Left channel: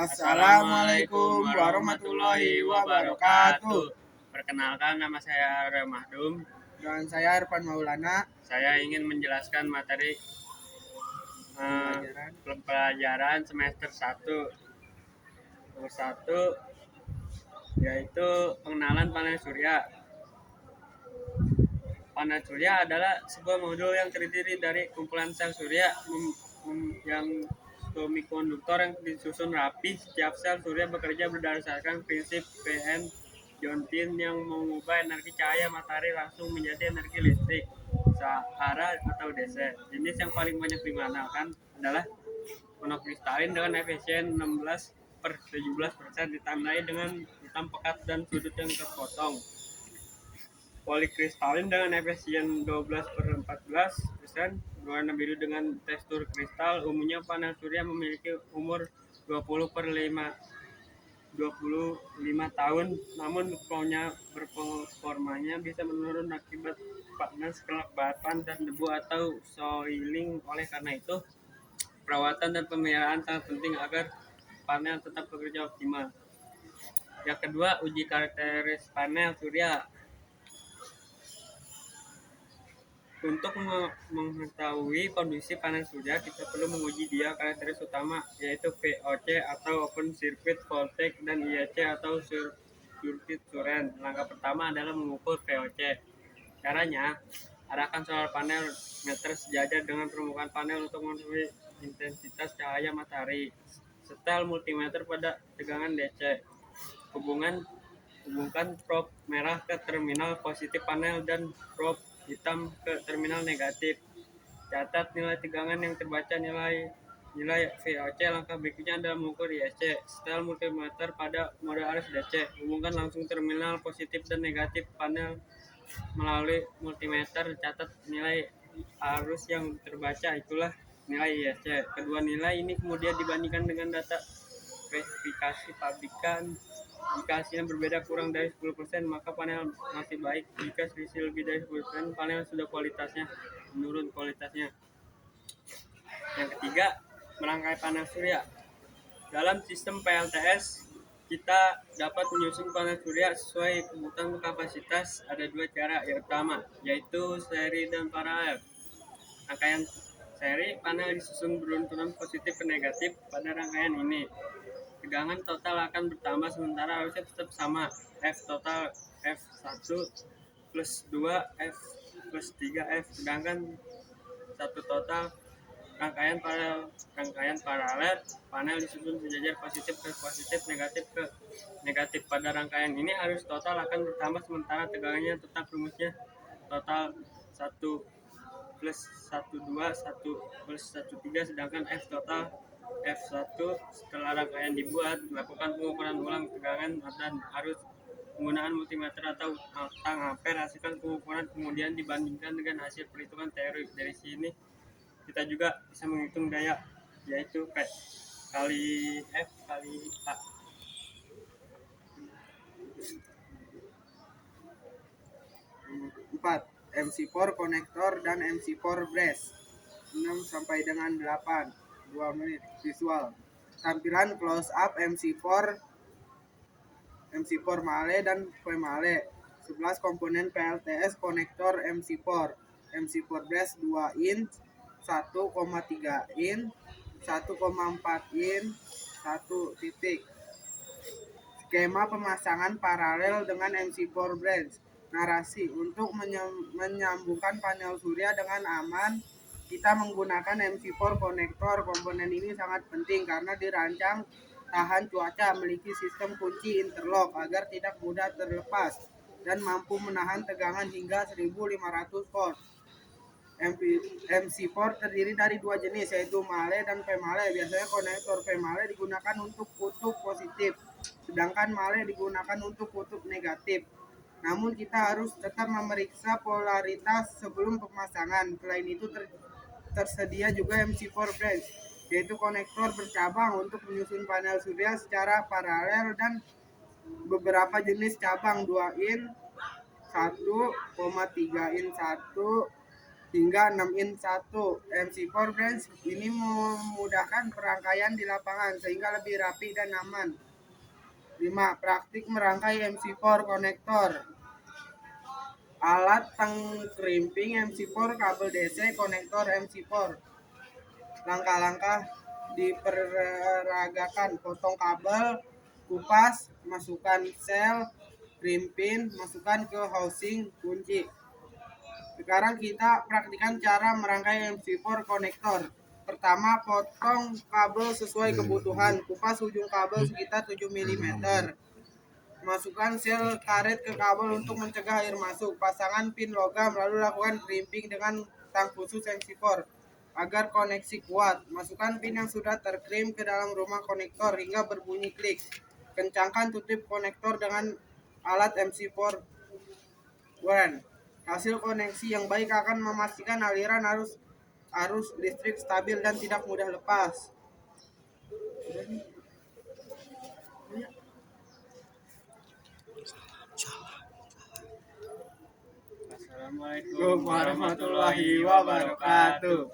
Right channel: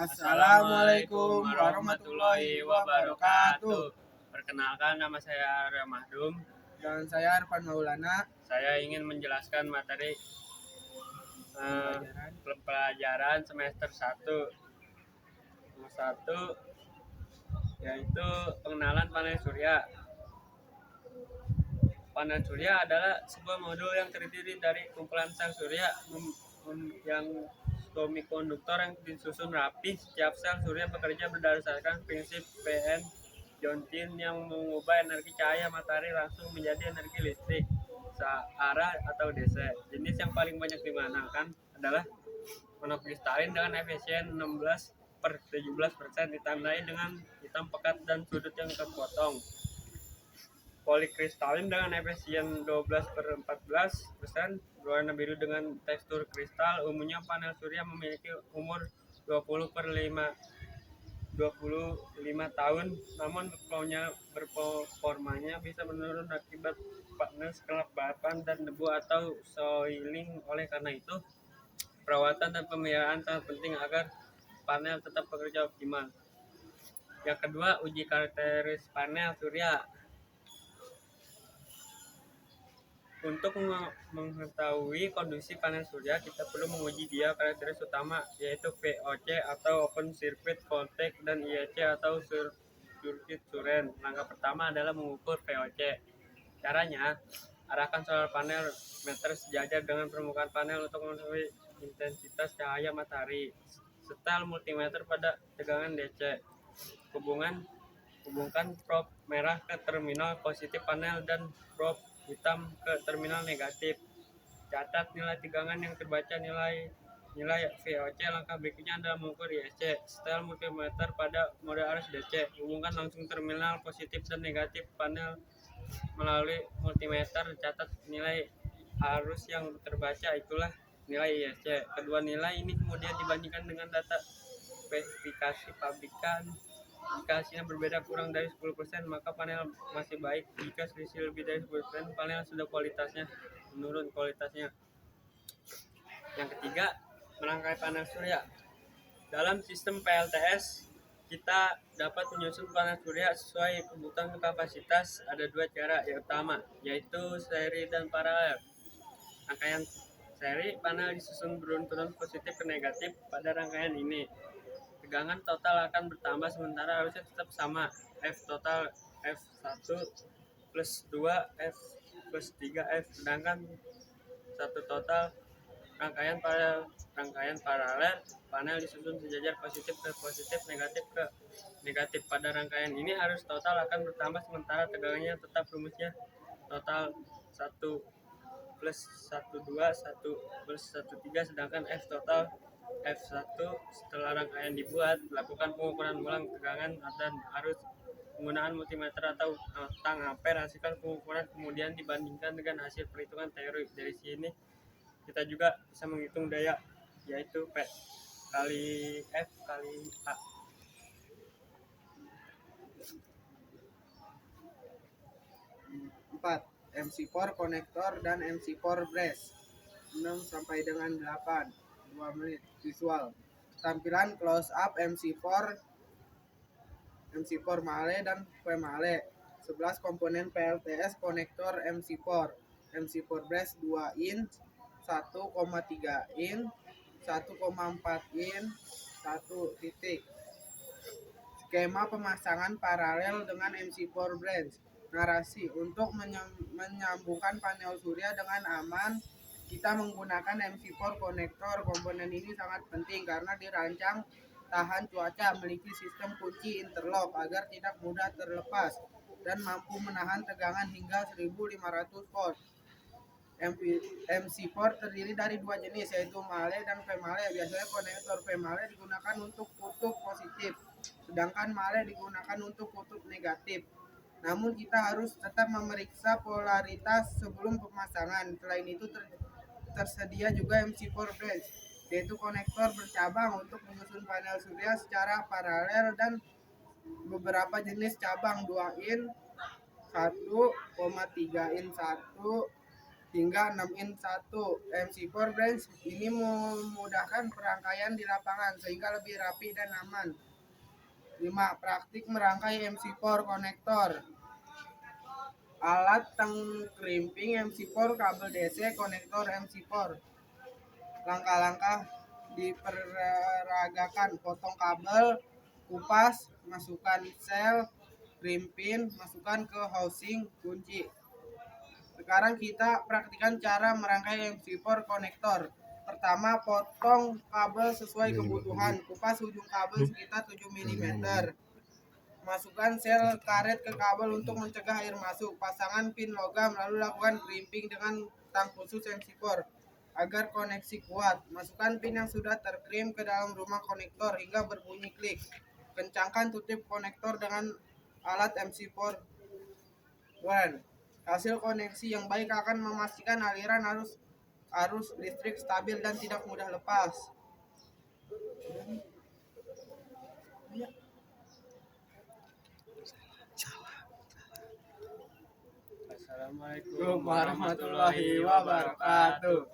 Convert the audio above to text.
Assalamualaikum warahmatullahi wabarakatuh. Perkenalkan, nama saya Arya Mahdum. Dan saya Arfan Maulana. Saya ingin menjelaskan materi pelajaran semester 1. Nomor 1 yaitu pengenalan panel surya. Panel surya adalah sebuah modul yang terdiri dari kumpulan sel surya yang semikonduktor yang disusun rapi. Setiap sel surya bekerja berdasarkan prinsip PM Johnson yang mengubah energi cahaya matahari langsung menjadi energi listrik searah atau DC. Jenis yang paling banyak digunakan adalah monokristalin dengan efisien 16/17%, ditandai dengan hitam pekat dan sudut yang terpotong. Polikristalin dengan efisien 12/14%, berwarna biru dengan tekstur kristal. Umumnya panel surya memiliki umur 25 tahun, namun performanya bisa menurun akibat panas, kelembapan, dan debu atau soiling. Oleh karena itu, perawatan dan pemeliharaan sangat penting agar panel tetap bekerja optimal. Yang kedua, uji karakteristik panel surya. Untuk mengetahui kondisi panel surya, kita perlu menguji dia karakteristik utama, yaitu VOC atau Open Circuit Voltage dan IEC atau Circuit Current. Langkah pertama adalah mengukur VOC. Caranya, arahkan solar panel meter sejajar dengan permukaan panel untuk mengetahui intensitas cahaya matahari. Setel multimeter pada tegangan DC. Hubungkan probe merah ke terminal positif panel dan probe hitam ke terminal negatif. Catat nilai tegangan yang terbaca, nilai VOC. Langkah berikutnya adalah mengukur IEC. Setel multimeter pada mode arus DC. Hubungkan langsung terminal positif dan negatif panel melalui multimeter. Catat nilai arus yang terbaca, itulah nilai IEC. Kedua nilai ini kemudian dibandingkan dengan data spesifikasi pabrikan. Jika hasilnya berbeda kurang dari 10%, maka panel masih baik. Jika selisih lebih dari 10%, panel sudah menurun kualitasnya. Yang ketiga, merangkai panel surya. Dalam sistem PLTS, kita dapat menyusun panel surya sesuai kebutuhan kapasitas. Ada dua cara yang utama, yaitu seri dan paralel. Rangkaian seri, panel disusun berurutan positif ke negatif. Pada rangkaian ini, tegangan total akan bertambah sementara arusnya tetap sama. F total F1 plus 2 F plus 3 F. Sedangkan satu total rangkaian paralel, panel disusun sejajar positif ke positif, negatif ke negatif. Pada rangkaian ini arus total akan bertambah sementara tegangannya tetap. Rumusnya total 1 plus 1 2 1 plus 1 3. Sedangkan F total F1 setelah rangkaian dibuat, lakukan pengukuran ulang tegangan dan arus penggunaan multimeter atau tang ampere. Hasilkan pengukuran kemudian dibandingkan dengan hasil perhitungan teori. Dari sini kita juga bisa menghitung daya, yaitu P kali F kali A. 4. MC4 konektor dan MC4 brace. 6 sampai dengan 8. 2 menit visual. Tampilan close up MC4 male dan P male. 11 komponen PLTS konektor MC4 brace 2 inch, 1,3 inch, 1,4 inch, 1 titik. Skema pemasangan paralel dengan MC4 brace. Narasi, untuk menyambungkan panel surya dengan aman, kita menggunakan MC4 konektor. Komponen ini sangat penting karena dirancang tahan cuaca, memiliki sistem kunci interlock agar tidak mudah terlepas, dan mampu menahan tegangan hingga 1500 volt. MC4 terdiri dari dua jenis, yaitu male dan P male. Biasanya konektor P male digunakan untuk kutub positif, sedangkan male digunakan untuk kutub negatif. Namun kita harus tetap memeriksa polaritas sebelum pemasangan. Selain itu tersedia juga MC4 branch, yaitu konektor bercabang untuk menyusun panel surya secara paralel, dan beberapa jenis cabang 2 in, 1,3 in 1, hingga 6 in 1. MC4 branch ini memudahkan perangkaian di lapangan sehingga lebih rapi dan aman. 5. Praktik merangkai MC4 konektor. Alat tangkrimping MC4, kabel DC, konektor MC4. Langkah-langkah diperagakan: potong kabel, kupas, masukkan sel, krimpin, masukkan ke housing, kunci. Sekarang kita praktikan cara merangkai MC4 konektor. Pertama, potong kabel sesuai kebutuhan. Kupas ujung kabel sekitar 7 mm. Masukkan sel karet ke kabel untuk mencegah air masuk. Pasangkan pin logam lalu lakukan crimping dengan tang khusus MC4 agar koneksi kuat. Masukkan pin yang sudah terkrim ke dalam rumah konektor hingga berbunyi klik. Kencangkan tutup konektor dengan alat MC4 WAN. Hasil koneksi yang baik akan memastikan aliran arus listrik stabil dan tidak mudah lepas. Assalamualaikum warahmatullahi wabarakatuh.